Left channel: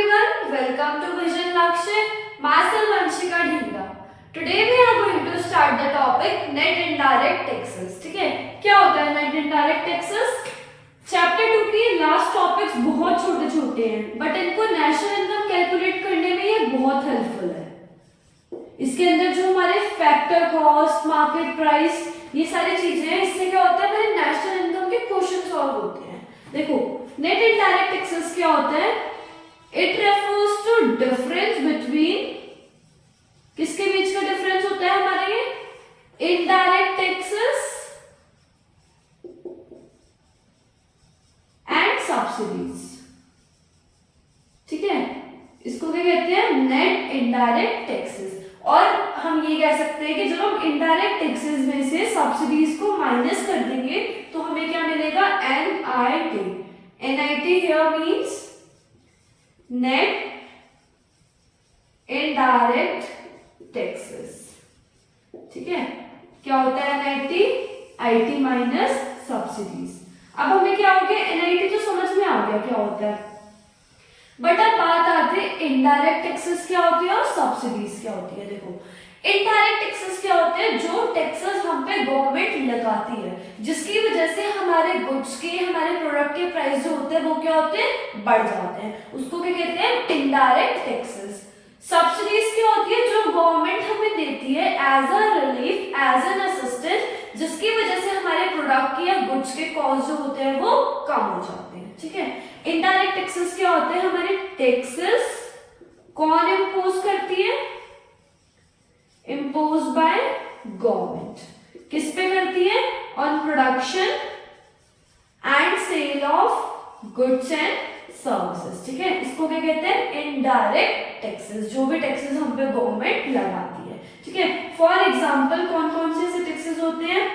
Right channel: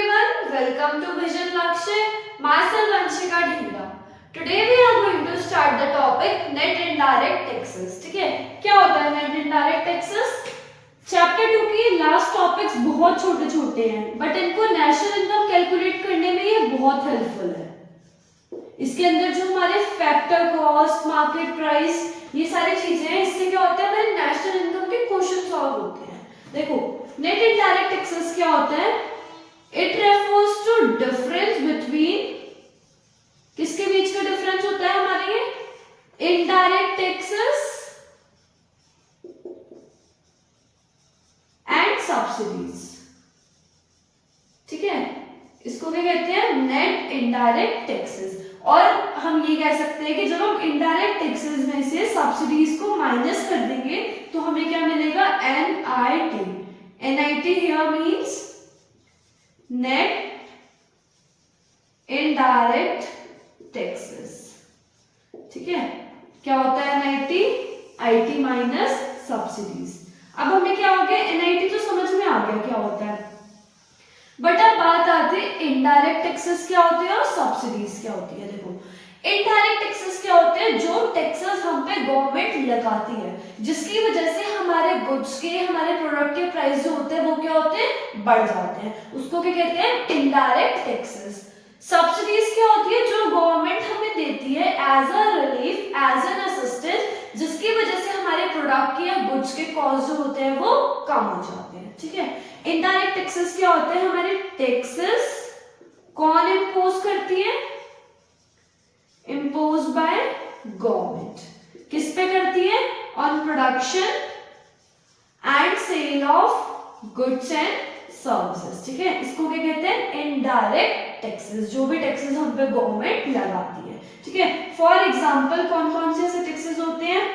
everyone, welcome to Vision Lakshay. Myself Vanshika Dhingra. Today we are going to start the topic net indirect taxes. ठीक है, क्या होता है net indirect taxes? Chapter 2 की last topics बहुत छोटे छोटे हैं बट इनको नेशनल इनकम कैलकुलेट करने में ये बहुत हेल्पफुल है। इसके अंदर जो हमारे फैक्टर कॉस्ट, मार्केट प्राइस, ये सारी चीजें हैं, इससे क्या होता है हमारे नेशनल इनकम के क्वेश्चन सॉल्व होते हैं। देखो नेट इनडायरेक्ट टैक्सेस क्या होता है? It refers to difference between, किसके बीच का डिफरेंस होता है हमारे ये? Indirect taxes and subsidies. ठीक है, इसको क्या कहते हैं? Net indirect taxes. और हम ये कह सकते हैं कि जब हम इनडायरेक्ट टैक्सेस में से सब्सिडीज को माइनस कर देंगे तो हमें क्या मिलेगा? NIT। NIT here means net indirect taxes। ठीक है, क्या होता है NIT? IT minus subsidies. अब हमें क्या हो गया? NIT तो समझ में आ गया क्या होता है, बट अब बात आती है इनडायरेक्ट टैक्सेस क्या होती है और सब्सिडीज क्या होती है। देखो इनडायरेक्ट टैक्सेस क्या होते हैं? जो टैक्सेस हम पे गवर्नमेंट लगाती है जिसकी वजह से हमारे गुड्स के, हमारे प्रोडक्ट के प्राइस जो होते हैं वो क्या होते हैं? बढ़ जाते हैं। उसको क्या कहते हैं? Indirect taxes. सब्सिडीज क्या होती है? जो गवर्नमेंट हमें देती है as a relief, as an assistance, जिसकी वजह से हमारे प्रोडक्ट के या गुड्स के कॉस्ट जो होते हैं वो कम हो जाते हैं। ठीक है, इनडायरेक्ट टैक्सेस क्या होते हैं? हमारे टैक्सेस कौन इम्पोज करती है? Impose by government. किस पे करती है? On production and sale of goods and services. ठीक है, इसको क्या कहते हैं? Indirect taxes. जो भी टैक्सेस हम पे गवर्नमेंट लगाती है। ठीक है, फॉर एग्जांपल कौन कौन से ऐसे टैक्सेस होते हैं?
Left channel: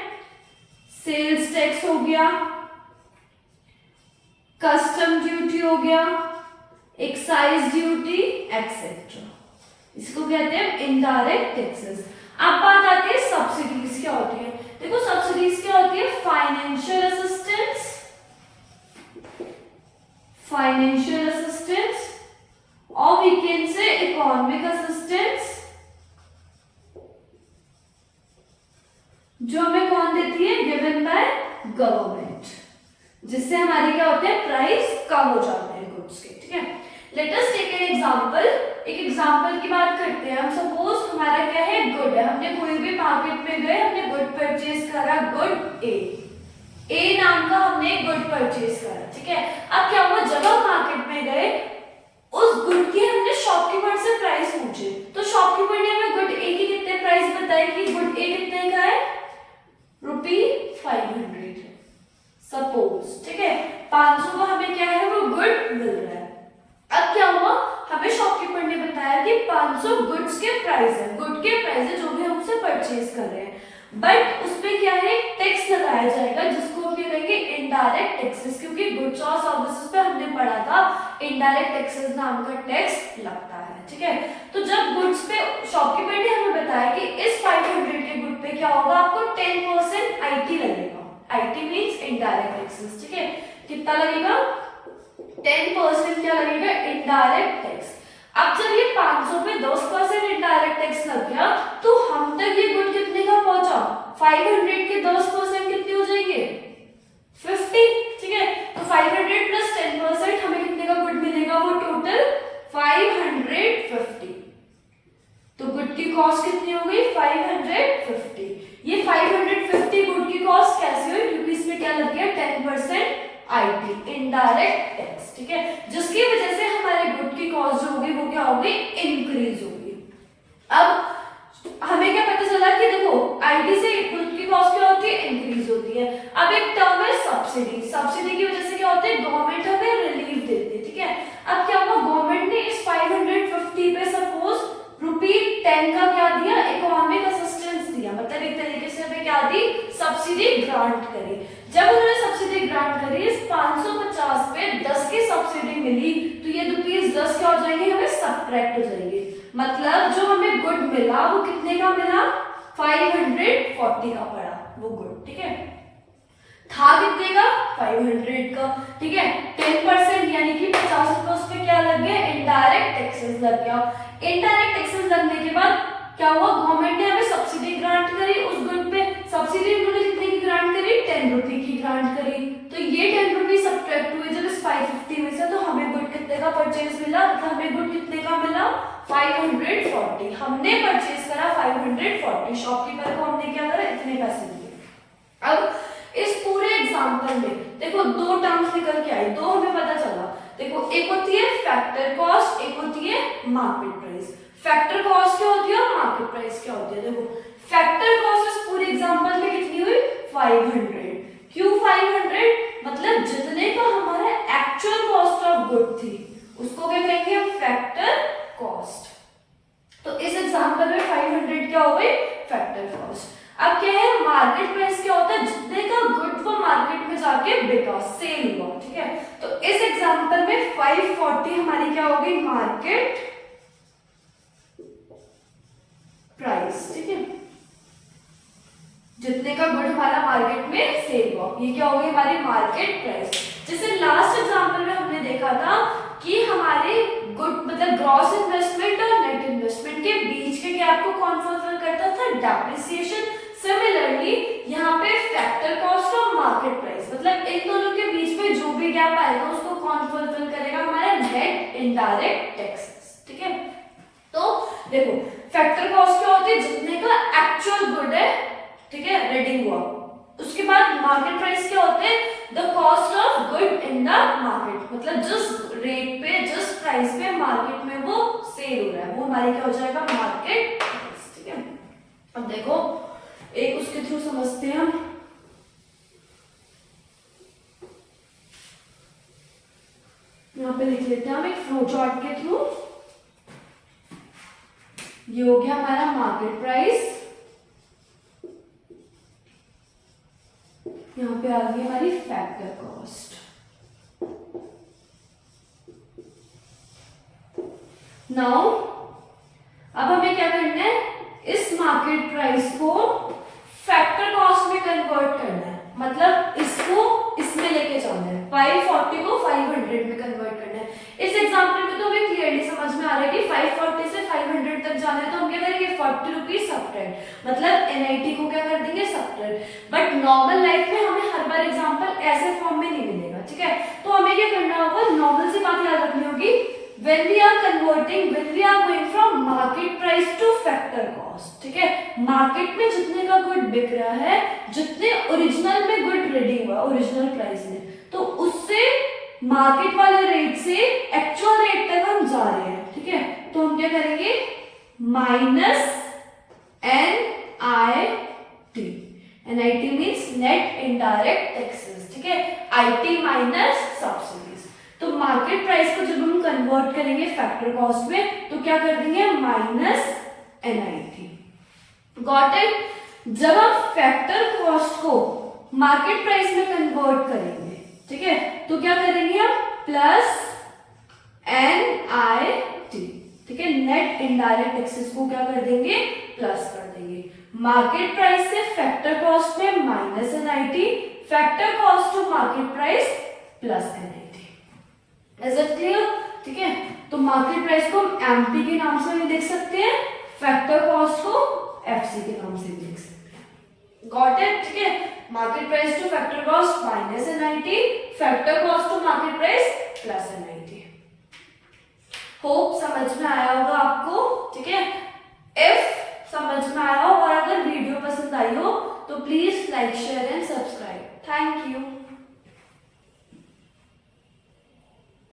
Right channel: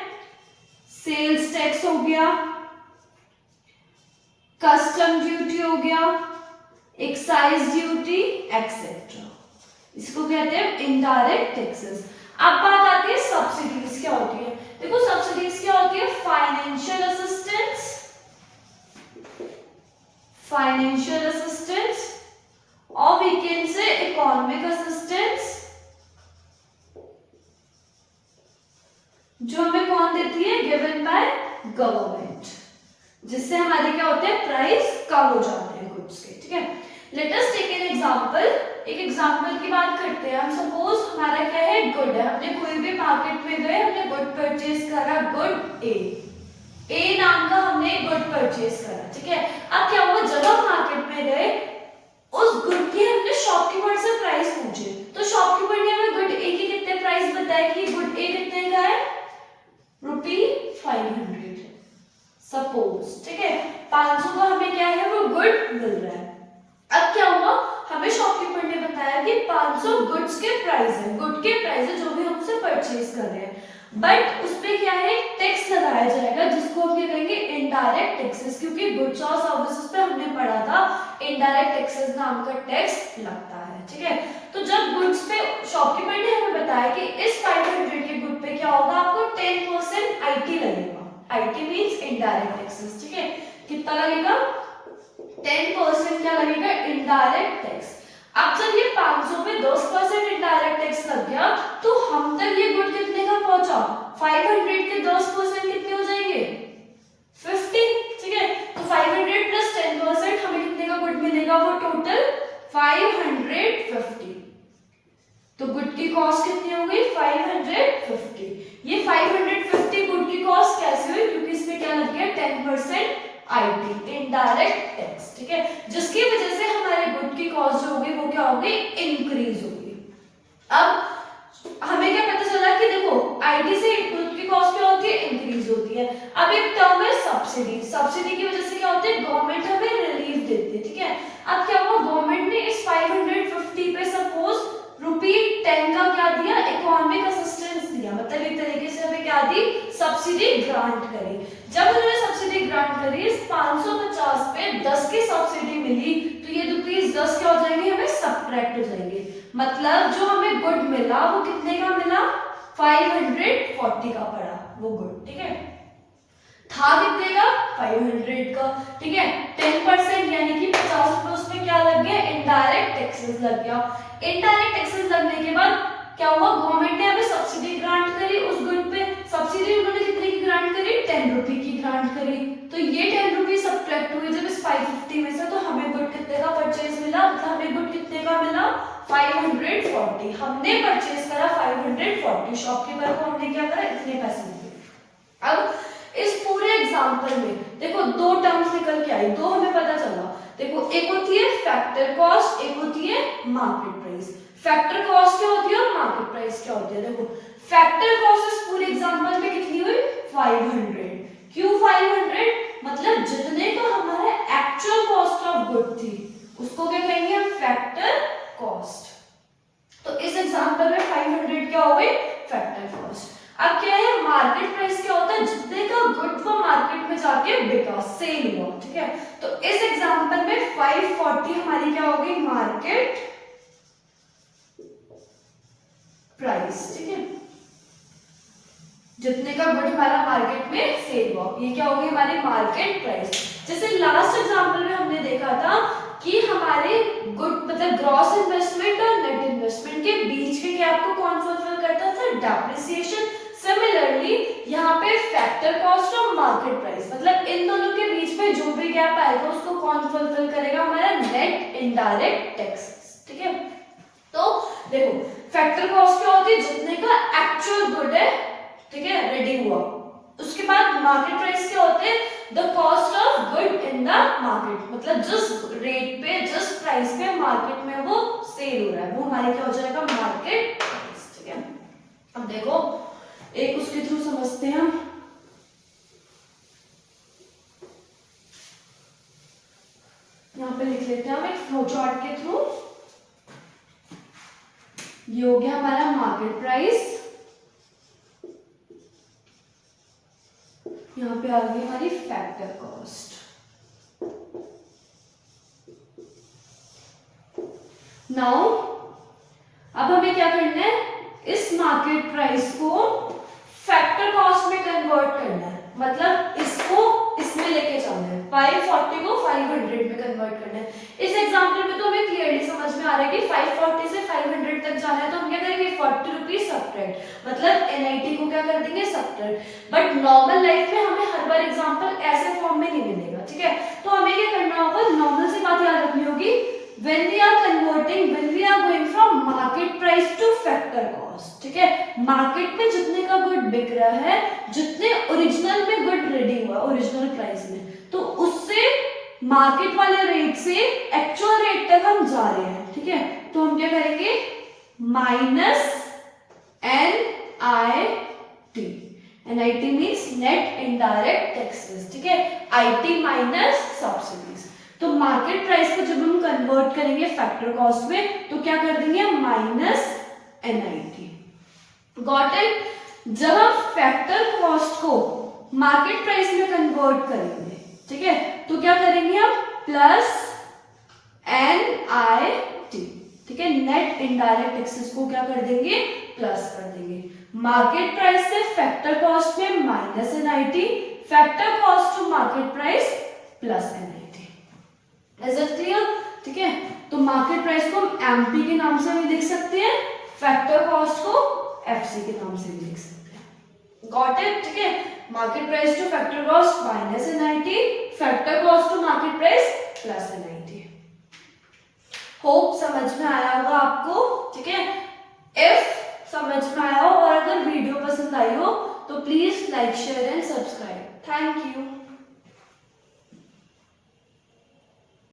सेल्स टैक्स हो गया, कस्टम ड्यूटी हो गया, एक्साइज ड्यूटी एक्सेट्रा। इसको कहते हैं इनडायरेक्ट टैक्सेस। अब बात आती है सब्सिडीज क्या होती है। देखो सब्सिडीज क्या होती है? फाइनेंशियल असिस्टेंस, फाइनेंशियल असिस्टेंस, और we can say economic assistance, जो हमें कौन देती है? गिवन बाय गवर्नमेंट, जिससे हमारे क्या होते हैं? प्राइस कम हो जाते हैं गुड्स के। ठीक है, let us take an example. एक एग्जांपल की बात करते हैं। हम सपोज हमारा क्या है? गुड है। हमने कोई भी मार्केट में गए, हमने गुड परचेज करा, गुड ए नाम का हमने गुड परचेज करा। ठीक है, अब क्या हुआ? जब हम मार्केट में गए उस गुड की हमने शॉपकीपर से प्राइस पूछे तो शॉपकीपर ने हमें गुड ए की कितने प्राइस बताए कि गुड ए कितने का है? ₹500 सपोज। ठीक है, 500 का हमें क्या है? वो गुड मिल रहा है। अब क्या हुआ? हमें शॉपकीपर ने बताया कि 500 गुड्स के प्राइस है, गुड के प्राइस है जो भी हमसे परचेज कर रहे हैं, बट उसपे क्या है? टैक्स लगाया जाएगा जिसको हम कहेंगे इनडायरेक्ट टैक्सेस, क्योंकि गुड्स और सर्विसेज पे हमने पढ़ा था इनडायरेक्ट टैक्सेस नाम का टैक्स लगता है। ठीक है, तो जब गुड्स पे शॉपकीपर ने हमें बताया कि इस 500 के गुड पे क्या होगा? आपको 10% IT लगेगा। IT means indirect taxes. ठीक है, कितना लगेगा? 10% क्या लगेगा? Indirect tax. अब जब ये 500 पे 10% इनडायरेक्ट टैक्स लग गया तो हम तक ये गुड कितने का पहुंचा? 500 के 10% कितने हो जाएंगे? 50। ठीक है, तो 500 प्लस 10% हमें कितने का गुड मिलेगा? वो टोटल 550। तो गुड की कॉस्ट कितनी हो गई? 550। ये 550 गुड की कॉस्ट कैसे हुई? क्योंकि इसमें क्या लग गया? 10% IT इनडायरेक्ट टैक्स। ठीक है, जिसकी वजह से हमारे गुड की कॉस्ट जो होगी वो क्या होगी? इंक्रीज होगी। अब हमें क्या पता चला कि देखो IT से गुड की कॉस्ट क्या होती है? इंक्रीज होती है। अब एक टर्म है सब्सिडी। सब्सिडी की वजह से क्या होती है? गवर्नमेंट हमें रिलीफ देती है। ठीक है, अब क्या हुआ? गवर्नमेंट ने इस 550 पे सपोज ₹10 का क्या दिया? इकोनॉमिक असिस्टेंस दिया, मतलब एक तरीके से हमें क्या दी? सब्सिडी ग्रांट करी। जब उन्होंने सब्सिडी ग्रांट करी, इस 550 पे 10 की सब्सिडी मिली तो ये ₹10 क्या हो जाएंगे? हमें सब्ट्रैक्ट हो जाएंगे। मतलब जो हमें गुड मिला वो कितने का मिला? 540 का पड़ा वो गुड। ठीक है, था कितने का? 500 का। ठीक है, 10% यानी कि 50 रुपए उस पे क्या लग गया? टैक्सेस लग गया। इनडायरेक्ट टैक्सेस लगने के बाद क्या हुआ, गवर्नमेंट ने हमें सब्सिडी ग्रांट करी उस गुड पे। सब्सिडी उन्होंने कितने की ग्रांट करी, 10 रुपए की ग्रांट करी। तो ये 10 रुपए सब्ट्रैक्ट हुए जब इस 550 में से, तो हमें गुड कितने का परचेज मिला, मतलब हमें गुड कितने का मिला, 540। हमने परचेज करा 540, शॉपकीपर को हमने क्या करा, इतने पैसे दिए। अब इस पूरे एग्जांपल में देखो दो टर्म्स निकल के आई, दो हमें पता चला। देखो एक होती है फैक्टर कॉस्ट, एक होती है मार्केट प्राइस। फैक्टर कॉस्ट क्या होती है और मार्केट प्राइस क्या होती है। देखो फैक्टर कॉस्ट इस पूरे एग्जांपल में कितनी हुई, 500। क्यों 500, मतलब जितने का हमारा एक्चुअल कॉस्ट ऑफ गुड थी उसको क्या कहेंगे हम, फैक्टर कॉस्ट। तो इस एग्जांपल में 500 क्या हो गई, फैक्टर कॉस्ट। अब क्या है, मार्केट प्राइस क्या होता है, जितने का गुड वो मार्केट में जाके बिका, सेल हुआ, ठीक है। तो इस एग्जांपल में 540 हमारी क्या हो गई, मार्केट प्राइस, ठीक है। जितने का गुड हमारा मार्केट में सेल हुआ, ये क्या हो गई हमारी मार्केट प्राइस। जैसे लास्ट एग्जांपल में हमने देखा था कि हमारे गुड मतलब ग्रॉस इन्वेस्टमेंट और नेट इन्वेस्टमेंट के बीच के गैप को कौन फुलफिल करता था, डेप्रिसिएशन। सिमिलरली यहाँ पे फैक्टर कॉस्ट और मार्केट प्राइस, मतलब इन दोनों के बीच में जो भी गैप आएगा उसको कौन फुलफिल करेगा, हमारा नेट इनडायरेक्ट टैक्सेस, ठीक है। तो देखो फैक्टर कॉस्ट क्या होती है, जितने का एक्चुअल गुड है, ठीक है, रेडी हुआ। उसके बाद मार्केट प्राइस क्या होते हैं, the cost of good in the market, मतलब जिस रेट पे जिस प्राइस पे मार्केट में वो सेल हो रहा है वो हमारी क्या हो जाएगा, मार्केट प्राइस, ठीक है। अब देखो एक उसके थ्रू समझते हैं हम। यहाँ पे लिख लेते हैं हम एक फ्लो चार्ट के थ्रू। ये हो गया हमारा मार्केट प्राइस, यहाँ पे आ गई हमारी फैक्टर कॉस्ट। नाउ अब हमें क्या करना है, इस मार्केट प्राइस को फैक्टर कॉस्ट में कन्वर्ट करना है, मतलब इसको इसमें लेके जाना है, 540 को 500 में कन्वर्ट करना है। इस एग्जांपल में तो हमें क्लियरली समझ में आ रहा है कि 540 से 500 तक जाना है, तो हम क्या करेंगे 40 रुपीज सब्ट्रैक्ट, मतलब एनआईटी को क्या कर देंगे सब्ट्रैक्ट। बट नॉर्मल लाइफ में हमें हर बार एग्जांपल ऐसे फॉर्म में नहीं मिलेगा, ठीक है। तो हमें क्या करना होगा, नॉर्मल से बात याद रखनी होगी, when we are going from market price to factor cost, ठीक है। मार्केट में जितने का गुड बिक रहा है, जितने ओरिजिनल में गुड रेडी हुआ ओरिजिनल प्राइस में, तो उससे मार्केट वाले रेट से एक्चुअल रेट तक हम जा रहे हैं, ठीक है। तो हम क्या करेंगे, minus NIT, NIT means net indirect taxes, ठीक है। IT minus subsidies. तो मार्केट प्राइस को जब हम कन्वर्ट करेंगे फैक्टर कॉस्ट में, तो क्या कर देंगे, माइनस NIT। Got it. जब आप फैक्टर कॉस्ट को मार्केट प्राइस में कन्वर्ट करेंगे, ठीक है, तो क्या करेंगे हम, प्लस NIT, ठीक है। नेट इनडायरेक्ट टैक्सेस को क्या कर देंगे, प्लस कर देंगे। मार्केट प्राइस से फैक्टर कॉस्ट में minus NIT, factor cost to market price plus NIT। Is it clear, ठीक है। तो मार्केट प्राइस को हम MP के नाम से भी लिख सकते हैं, फैक्टर कॉस्ट को FC के नाम से भी लिख सकते हैं। गॉट इट, ठीक है। Market price to factor cost minus NIT, factor cost to market price plus NIT। Hope समझ में आया होगा आपको, ठीक है। इफ समझ में आया हो और अगर वीडियो पसंद आई हो तो please like share and subscribe. Thank you.